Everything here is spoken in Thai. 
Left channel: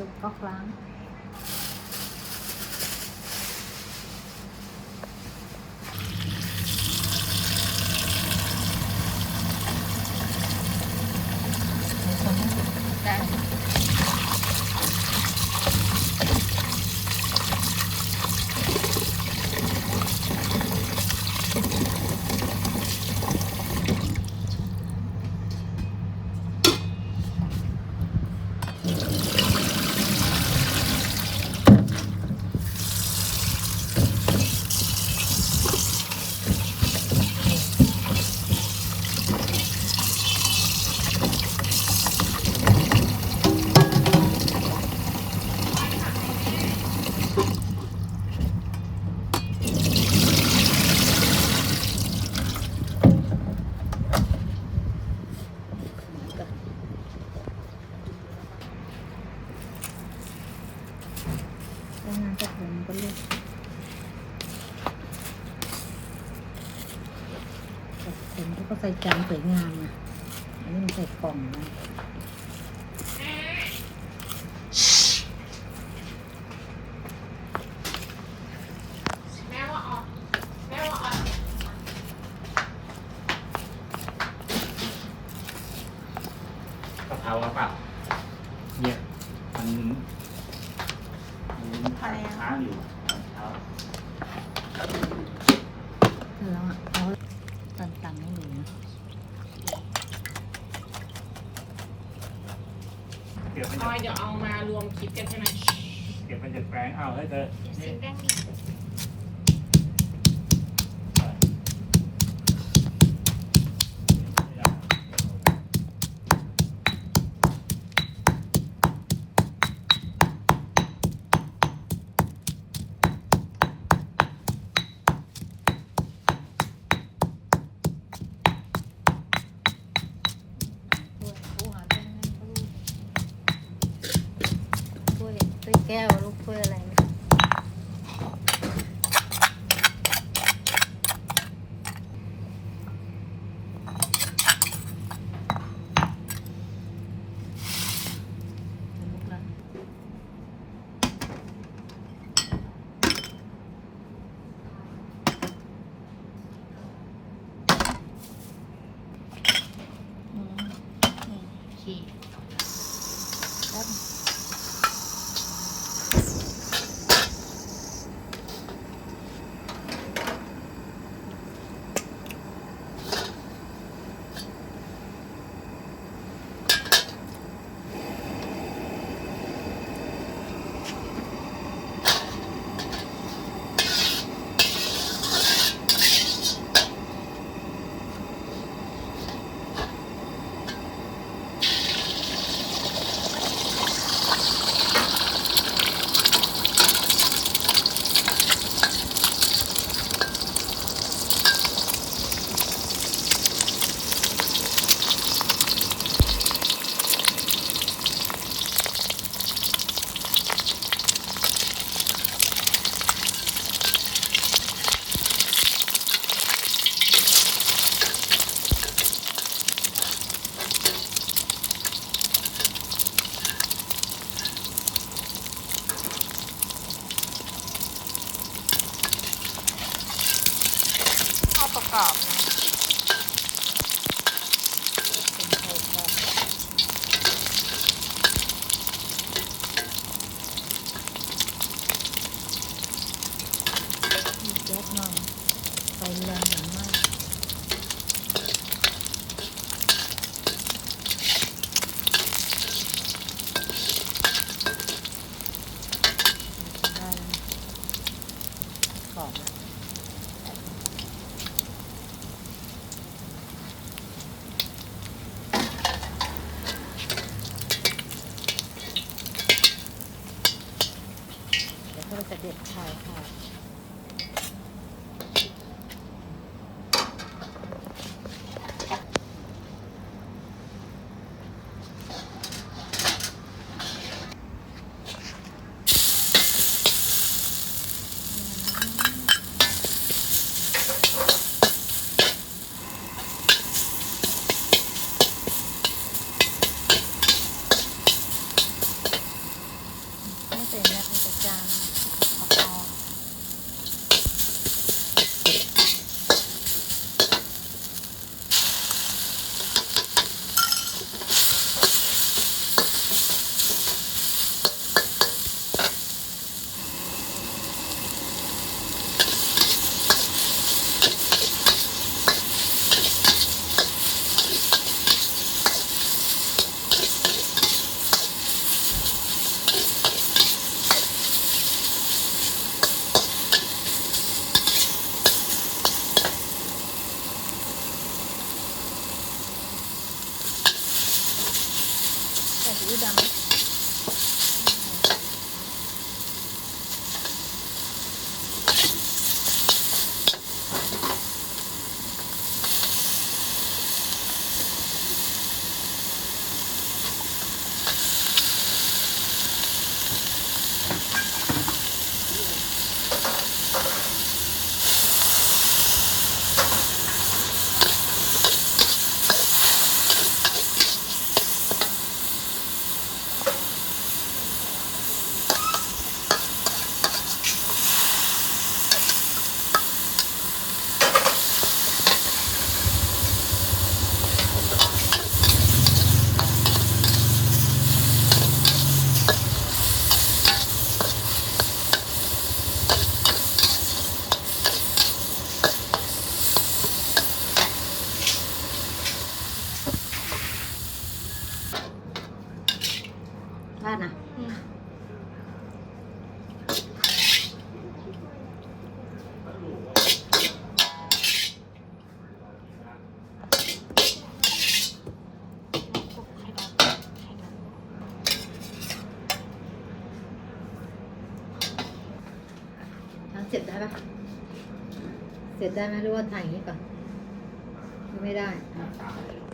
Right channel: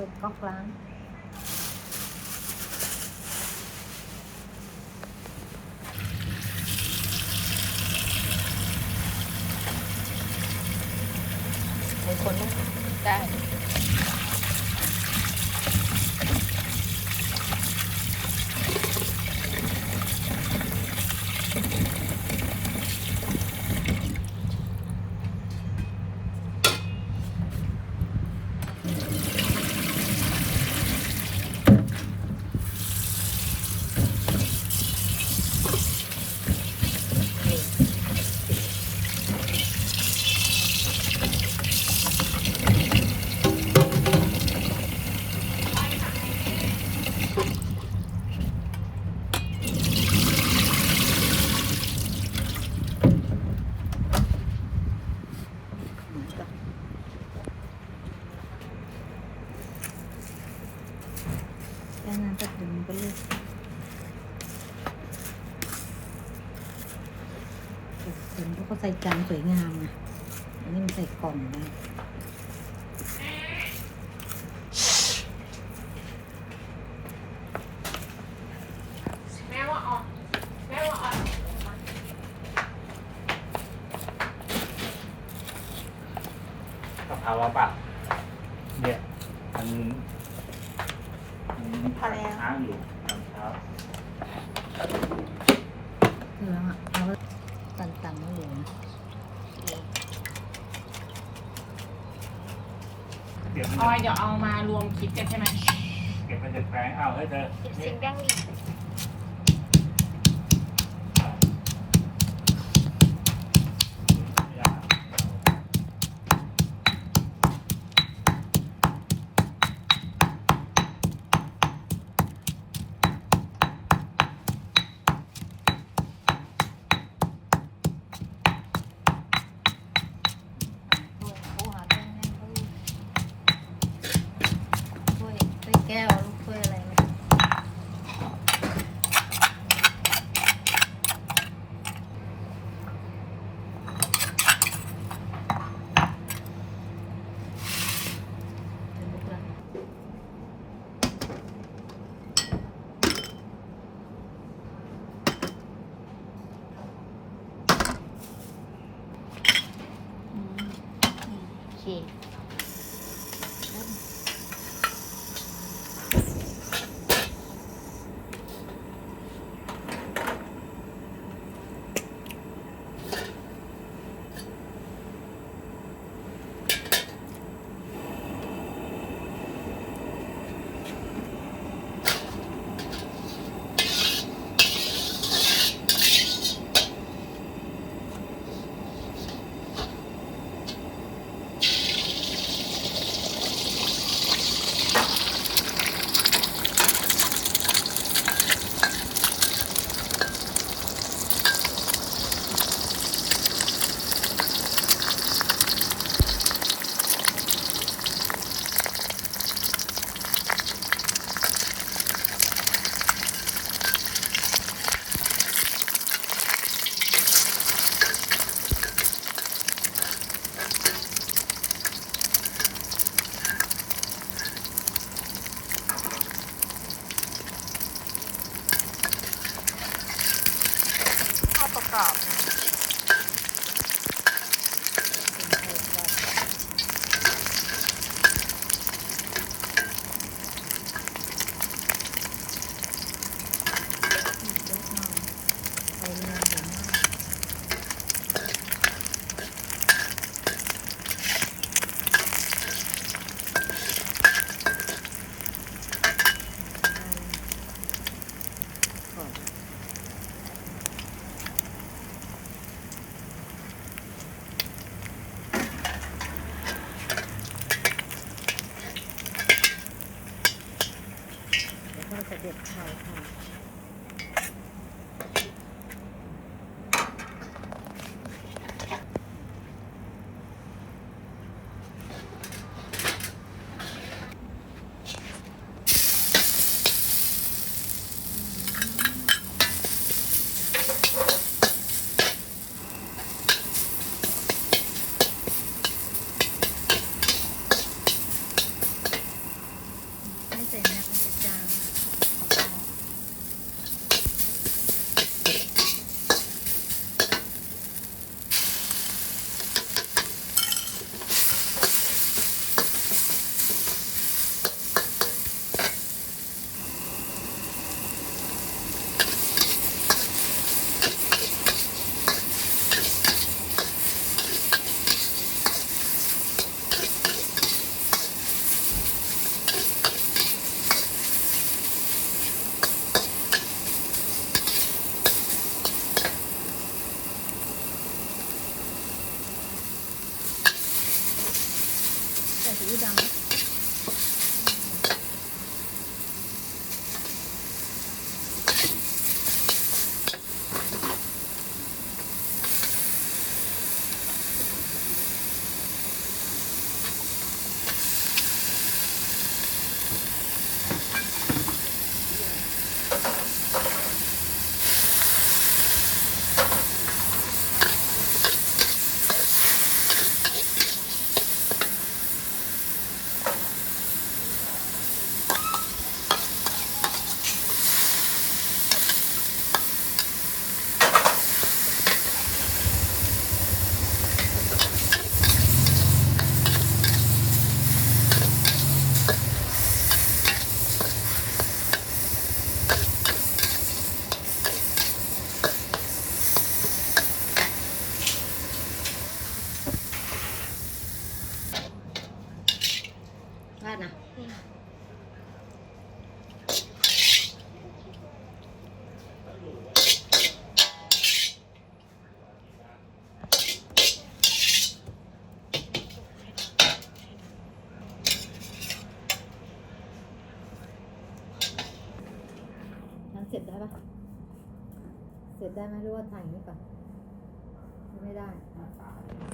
ตัวก๊อกล้างได้น้ำกระถุงไปเลยเห็นเขาใส่จานสวยงามอันนี้มันใส่กล่องนะกะเพราเปล่าเยอะมันพอแล้ว ค้างอยู่ครับ เหลืองอ่ะเอาตันๆให้ดูนะ เก็บมัน ออยเดี๋ยวเอามารวมคลิปกันใช่ไหม เก็บมันจากแปลงเอาให้เธอ สิ่งแดงดีถ้วยแก้วลูกถ้วยอะไรนะโอเคแล้วข้าวประกอบนะ แล้วก็จะเด็ดคอยค่ะ ซีอิ๊วดำ ราดนะเสร็จได้ปะเสร็จได้ไหมหรือว่าถ่ายอย่างนี้ก่อนไม่ได้